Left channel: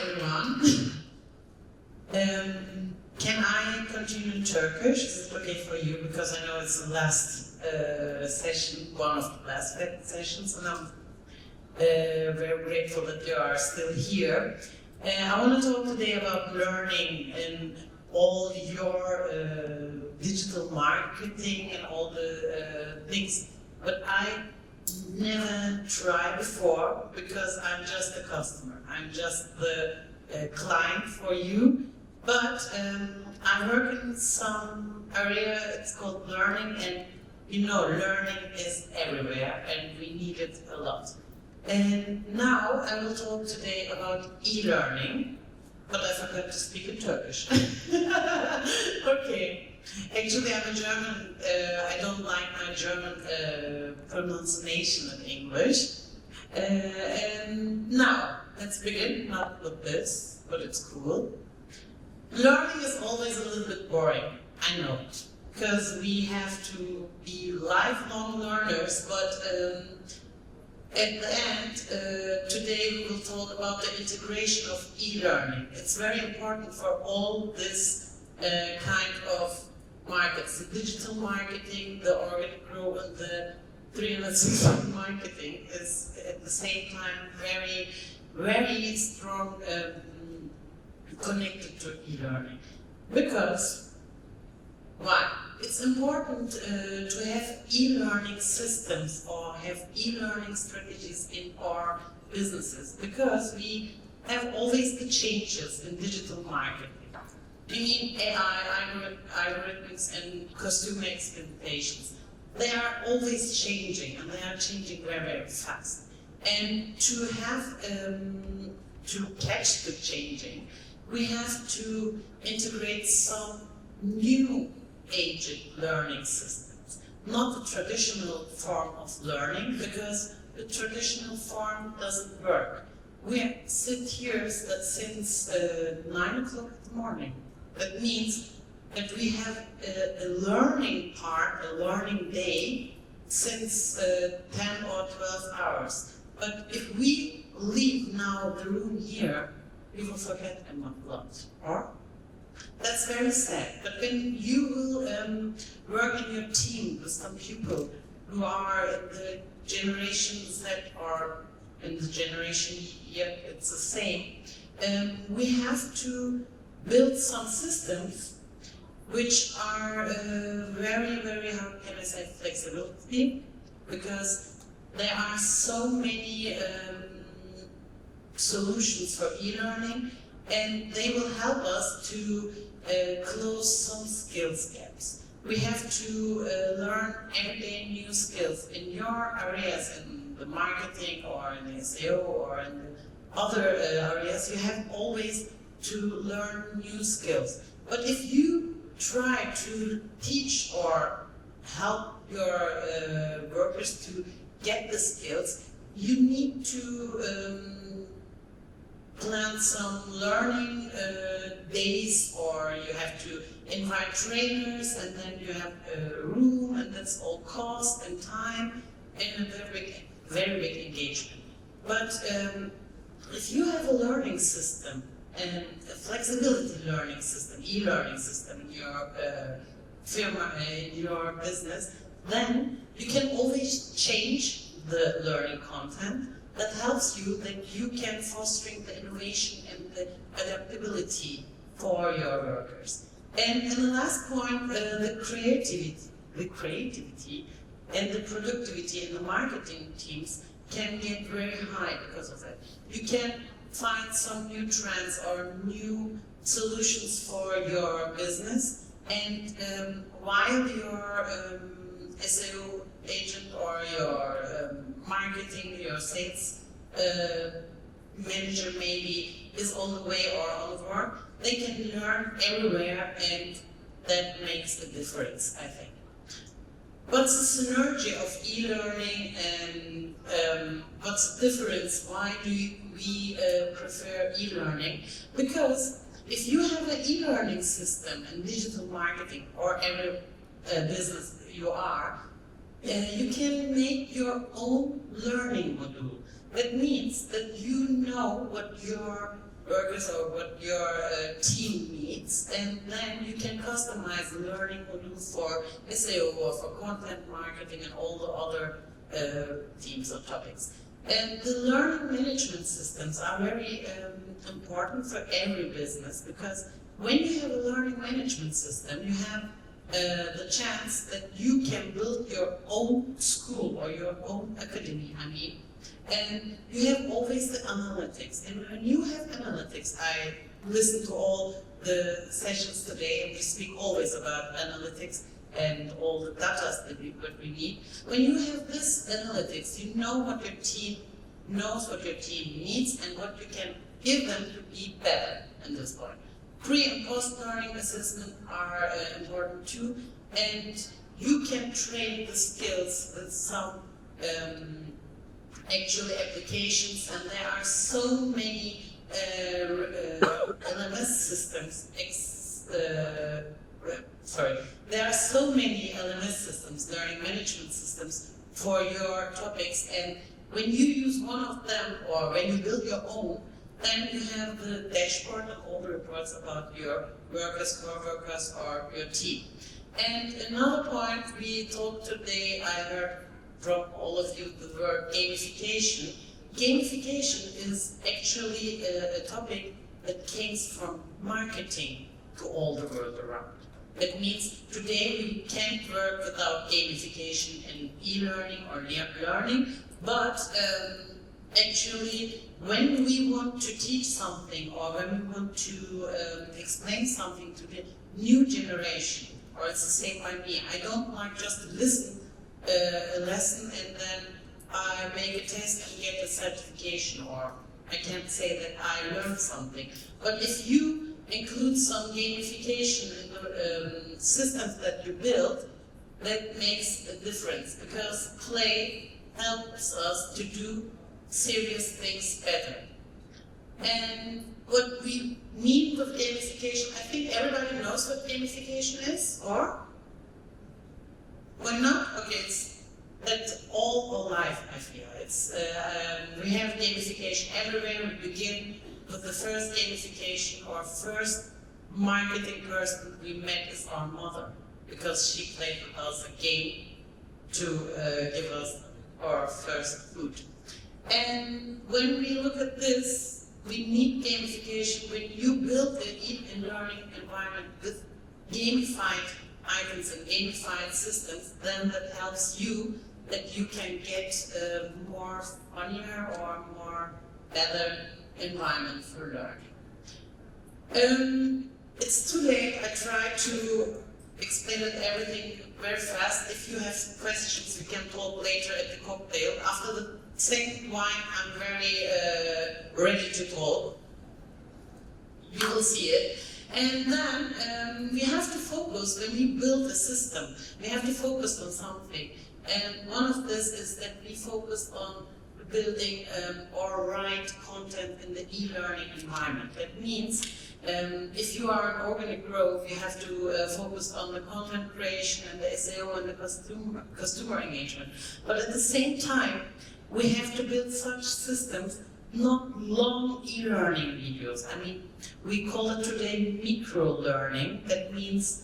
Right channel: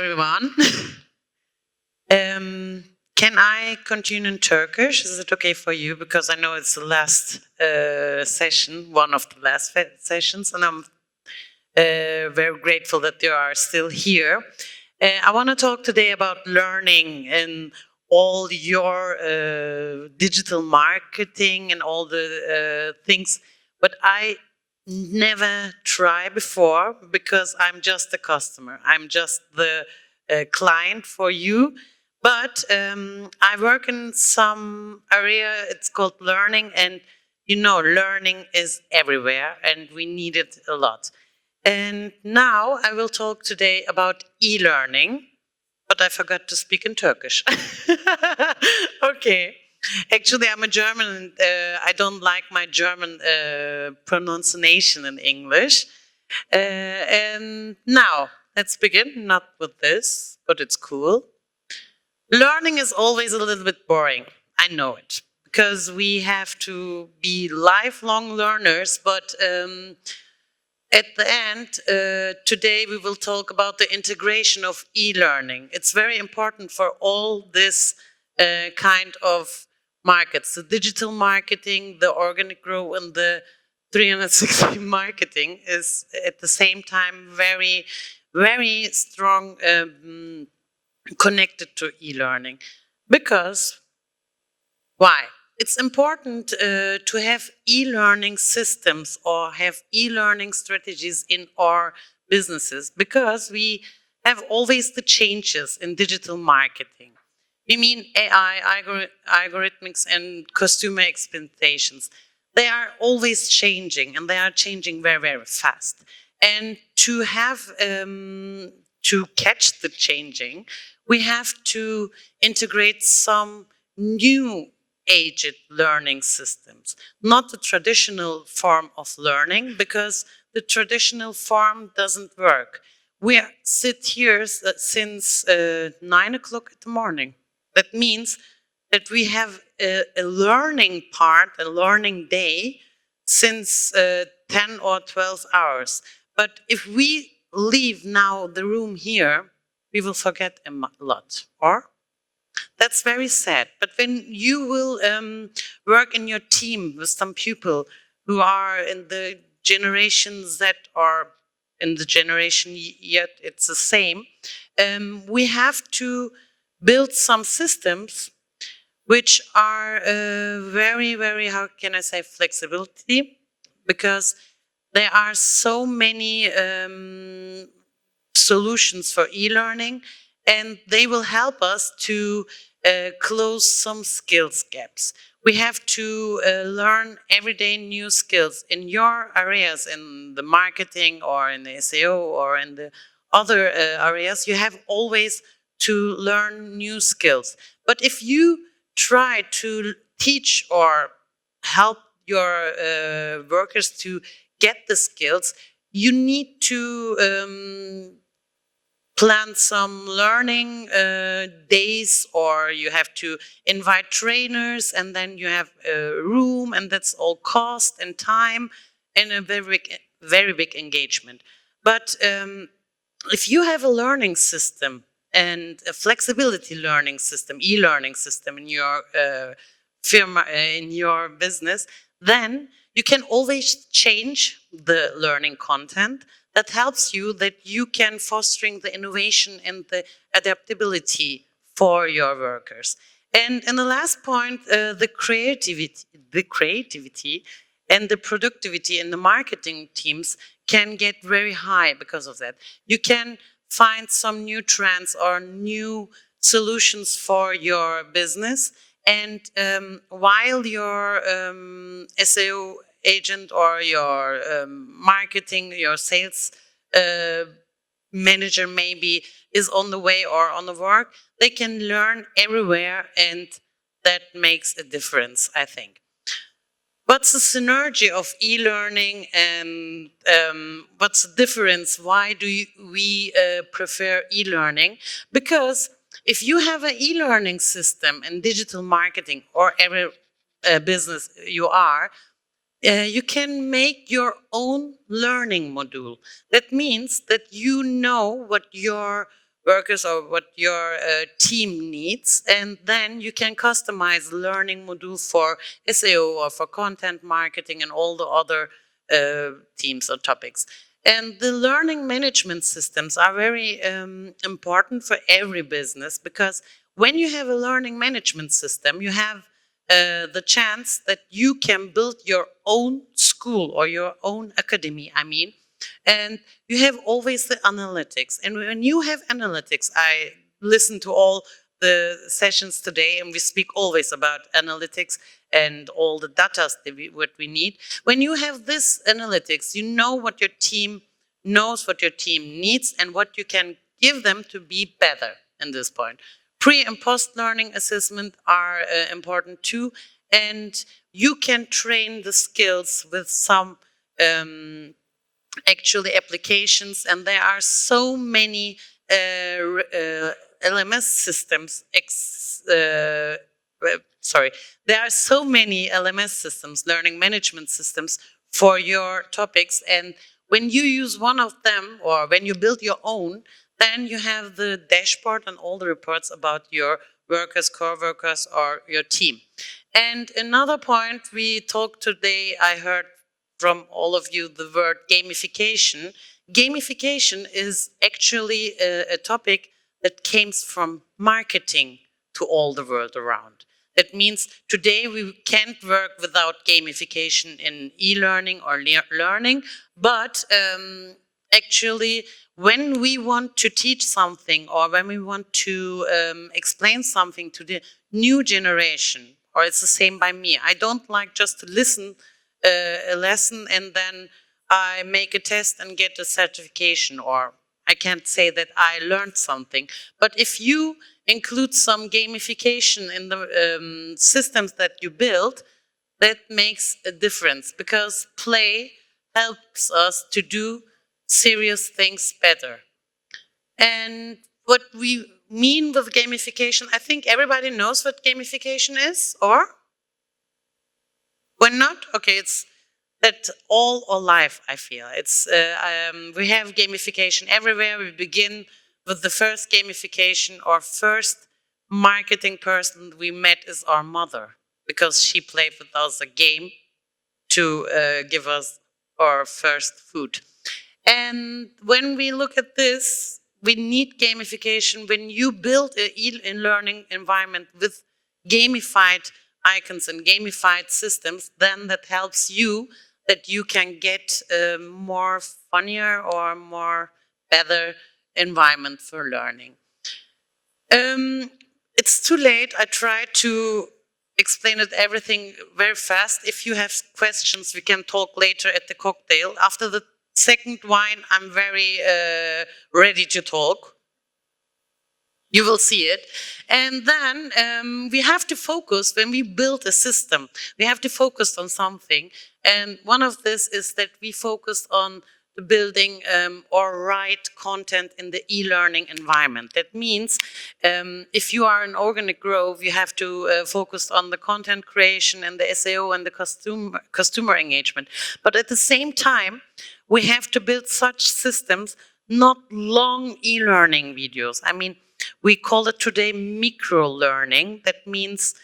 everyone. Can I continue in Turkish? Is it okay for you? Because I know it's the last session, one of the last sessions, and I'm very grateful that you are still here. I want to talk today about learning and all your digital marketing and all the things, but I never tried before because I'm just a customer. I'm just the client for you. But I work in some area, it's called learning, and learning is everywhere and we need it a lot. And now I will talk today about e-learning, but I forgot to speak in Turkish. Okay. Actually, I'm a German and I don't like my German pronunciation in English. And now, let's begin, not with this, but it's cool. Learning is always a little bit boring, I know it, because we have to be lifelong learners, but at the end, today we will talk about the integration of e-learning. It's very important for all this kind of markets, the digital marketing, the organic growth, and the 360 marketing is at the same time very, very strong connected to e-learning. Because, why? It's important to have e-learning systems or have e-learning strategies in our businesses because we have always the changes in digital marketing. We mean AI, algorithmics, and consumer expectations. They are always changing, and they are changing very, very fast. And to have to catch the changing, we have to integrate some new agent learning systems, not the traditional form of learning, because the traditional form doesn't work. We sit here since 9 o'clock in the morning. That means that we have a learning part, a learning day, since 10 or 12 hours. But if we leave now the room here, we will forget a lot, or? That's very sad. But when you will work in your team with some people who are in the Generation Z or in the generation yet it's the same, we have to build some systems which are very, very, how can I say, flexibility, because there are so many solutions for e-learning, and they will help us to close some skills gaps. We have to learn every day new skills in your areas, in the marketing or in the SEO or in the other areas. You have always to learn new skills. But if you try to teach or help your workers to get the skills, you need to plan some learning days, or you have to invite trainers, and then you have a room, and that's all cost and time and a very big engagement. But if you have a learning system and a flexibility learning system, e-learning system in your firma, in your business, then you can always change the learning content that helps you, that you can fostering the innovation and the adaptability for your workers. And the last point, the creativity and the productivity in the marketing teams can get very high because of that. You can find some new trends or new solutions for your business, and while your SEO agent or your marketing, your sales manager maybe is on the way or on the work, they can learn everywhere, and that makes a difference, I think. What's the synergy of e-learning, and what's the difference? Why do we prefer e-learning? Because if you have an e-learning system in digital marketing or every business you are, you can make your own learning module. That means that you know what your workers or what your team needs, and then you can customize learning module for SEO or for content marketing and all the other themes or topics. And the learning management systems are very important for every business, because when you have a learning management system, you have the chance that you can build your own school or your own academy, and you have always the analytics. And when you have analytics, I listen to all the sessions today, and we speak always about analytics and all the data what we need. When you have this analytics, you know what your team knows, what your team needs, and what you can give them to be better in this point. Pre and post learning assessment are important too, and you can train the skills with some actually applications, and there are so many LMS systems. There are so many LMS systems, learning management systems, for your topics, and when you use one of them, or when you build your own, then you have the dashboard and all the reports about your workers, core workers, or your team. And another point we talked today, I heard from all of you the word gamification. Gamification is actually a topic that came from marketing to all the world around. That means today we can't work without gamification in e-learning or learning, but actually when we want to teach something, or when we want to explain something to the new generation, or it's the same by me, I don't like just to listen a lesson and then I make a test and get a certification, or I can't say that I learned something. But if you include some gamification in the systems that you build, that makes a difference, because play helps us to do serious things better. And what we mean with gamification, I think everybody knows what gamification is, or? When not, okay, it's that all our life, I feel. It's we have gamification everywhere. We begin with the first gamification, or first marketing person we met is our mother, because she played with us a game to give us our first food. And when we look at this, we need gamification. When you build an e-learning environment with gamified icons and gamified systems, then that helps you, that you can get a more funnier or more better environment for learning. It's too late. I tried to explain it everything very fast. If you have questions, we can talk later at the cocktail. After the second wine, I'm very ready to talk. You will see it. And then we have to focus, when we build a system, we have to focus on something. And one of this is that we focus on building or write content in the e-learning environment. That means if you are an organic growth, you have to focus on the content creation and the SEO and the customer engagement. But at the same time, we have to build such systems, not long e-learning videos. We call it today micro-learning. That means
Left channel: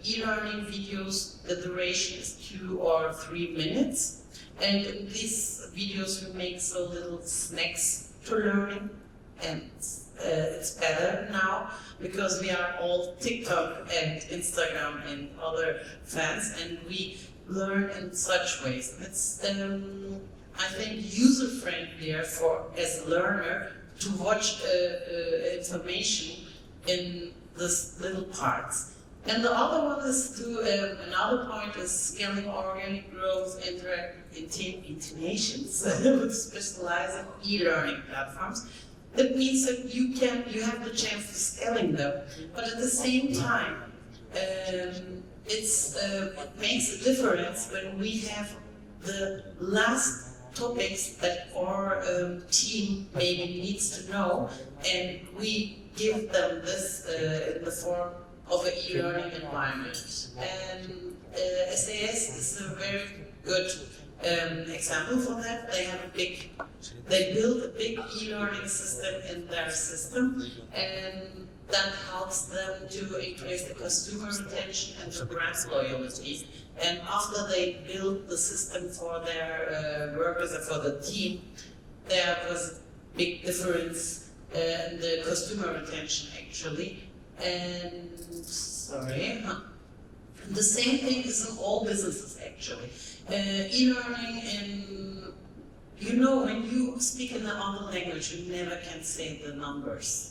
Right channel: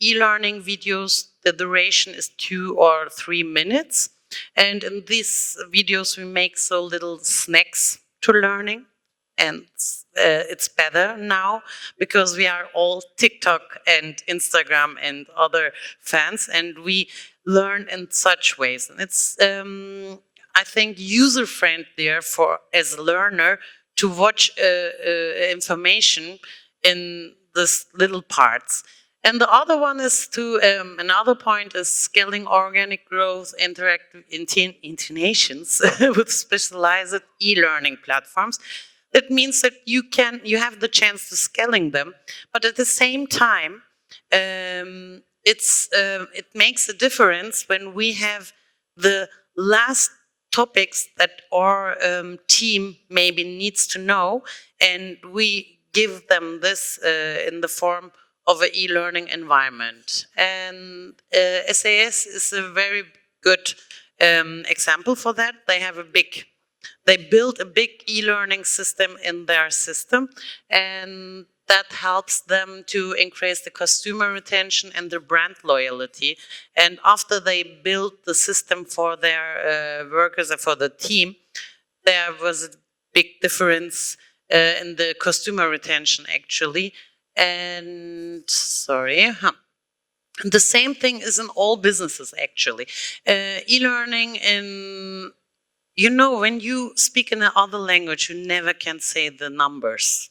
e-learning videos, the duration is 2 or 3 minutes. And in these videos, we make so little snacks to learning. And it's better now, because we are all TikTok and Instagram and other fans, and we learn in such ways. And it's, I think, user-friendlier for, as a learner, to watch information in these little parts. And the other one is to, another point is scaling organic growth, interactive intonations with specialized e-learning platforms. That means that you have the chance to scaling them, but at the same time, it makes a difference when we have the last topics that our team maybe needs to know, and we give them this in the form of an e-learning environment. And SaaS is a very good example for that. They have a big They build a big e-learning system in their system, and that helps them to increase the consumer retention and their brand loyalty. And after they build the system for their workers and for the team, there was a big difference in the consumer retention actually. And the same thing is in all businesses actually. E-learning when you speak in another language, you never can say the numbers.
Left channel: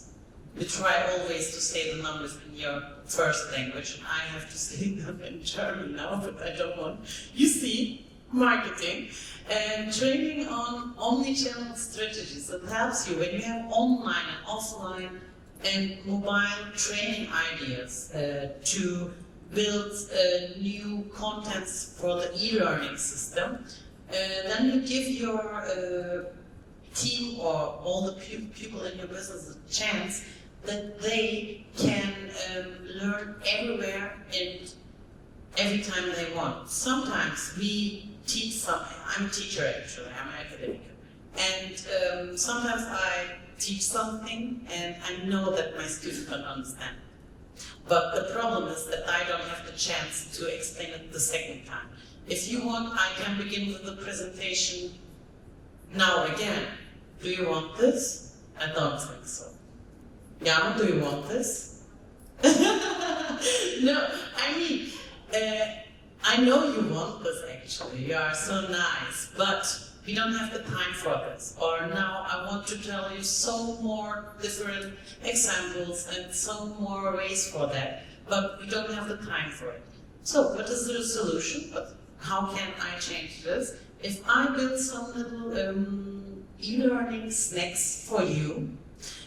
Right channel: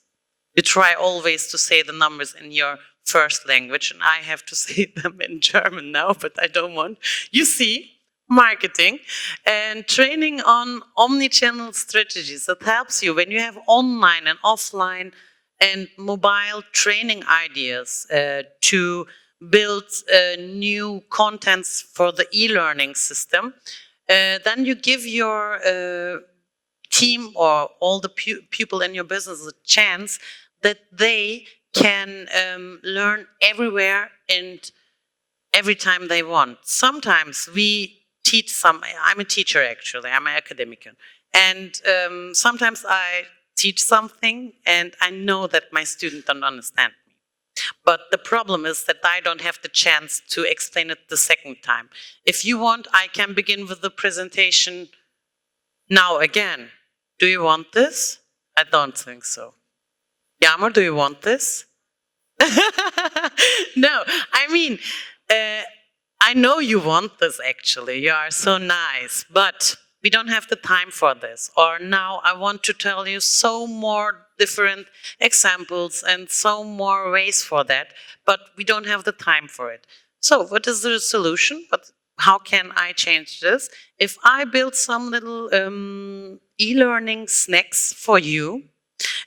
You try always to say the numbers in your first language, and I have to say them in German now, but I don't want. You see, marketing and training on omni-channel strategies. That helps you when you have online and offline and mobile training ideas to build new contents for the e-learning system. Then you give your team or all the people in your business a chance that they can learn everywhere and every time they want. Sometimes we teach I'm a teacher actually, I'm an academic. And sometimes I teach something and I know that my students don't understand. But the problem is that I don't have the chance to explain it the second time. If you want, I can begin with the presentation now again. Do you want this? I don't think so. Yama, do you want this? No, I mean, I know you want this actually. You are so nice, but we don't have the time for this. Or now I want to tell you so more different examples and so more ways for that, but we don't have the time for it. So what is the solution? But how can I change this? If I build some little e-learning snacks for you,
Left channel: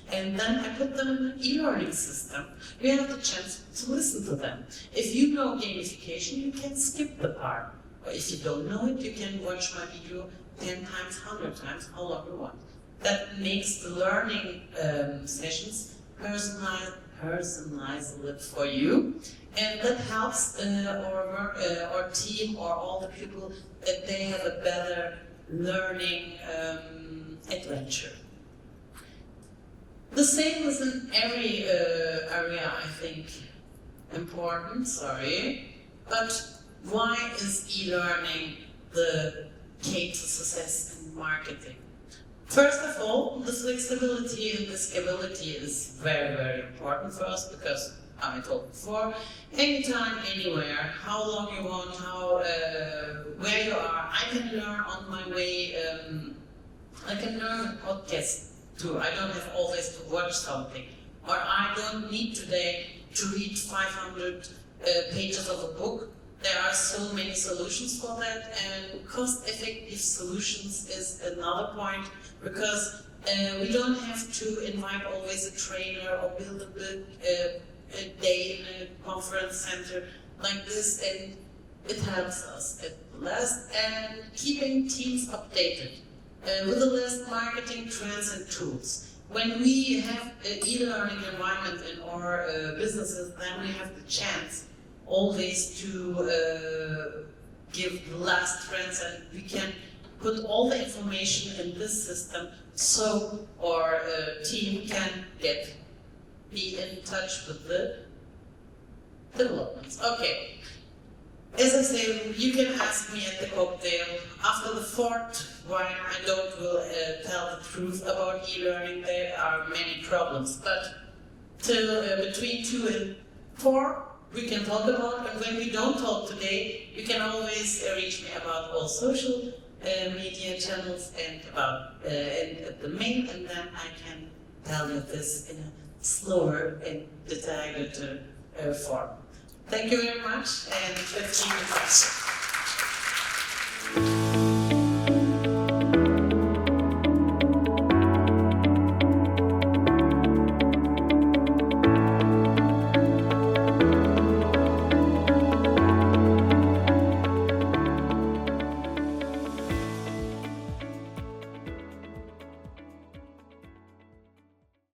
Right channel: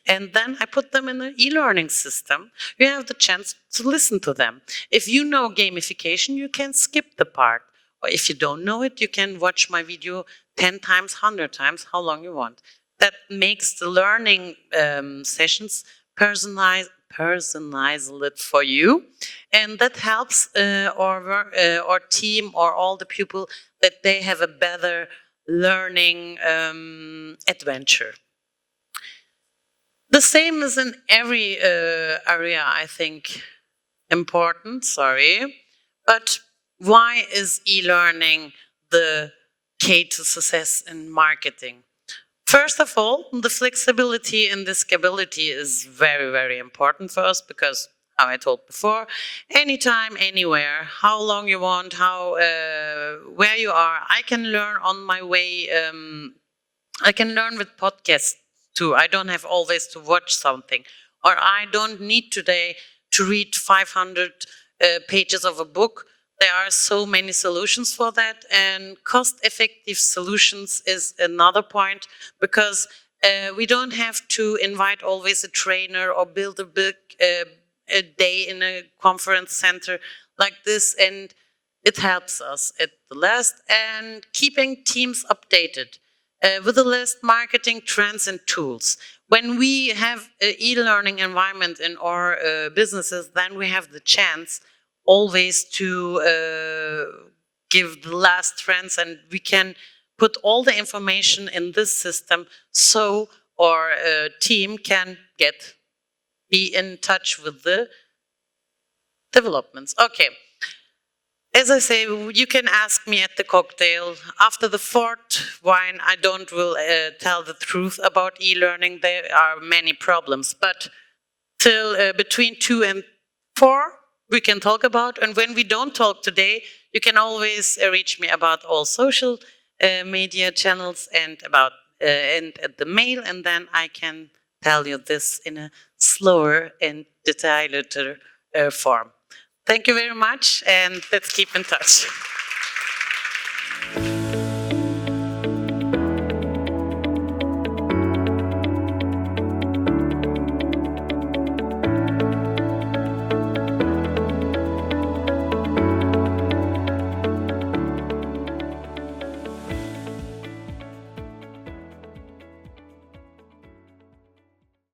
and then I put them in an e-learning system, you have the chance to listen to them. If you know gamification, you can skip the part. Or if you don't know it, you can watch my video 10 times, 100 times, how long you want. That makes the learning sessions personalized for you. And that helps our team or all the people that they have a better learning adventure. The same is in every area, I think, important, but why is e-learning the key to success in marketing? First of all, the flexibility and the scalability is very, very important for us because, how I told before, anytime, anywhere, how long you want, where you are, I can learn on my way. I can learn with podcasts too. I don't have always to watch something, or I don't need today to read 500 pages of a book. There are so many solutions for that, and cost-effective solutions is another point because we don't have to invite always a trainer or build a big a day in a conference center like this, and it helps us at the last, and keeping teams updated with the latest marketing trends and tools. When we have an e-learning environment in our businesses, then we have the chance always to give the last trends, and we can put all the information in this system so our team can be in touch with the developments. Okay. As I say, you can ask me at the cocktail. After the fourth wine, I will tell the truth about e-learning. There are many problems, but till between 2 and 4, we can talk about. And when we don't talk today, you can always reach me about all social media channels and at the mail, and then I can tell you this in a slower and detailed form. Thank you very much, and let's keep in touch.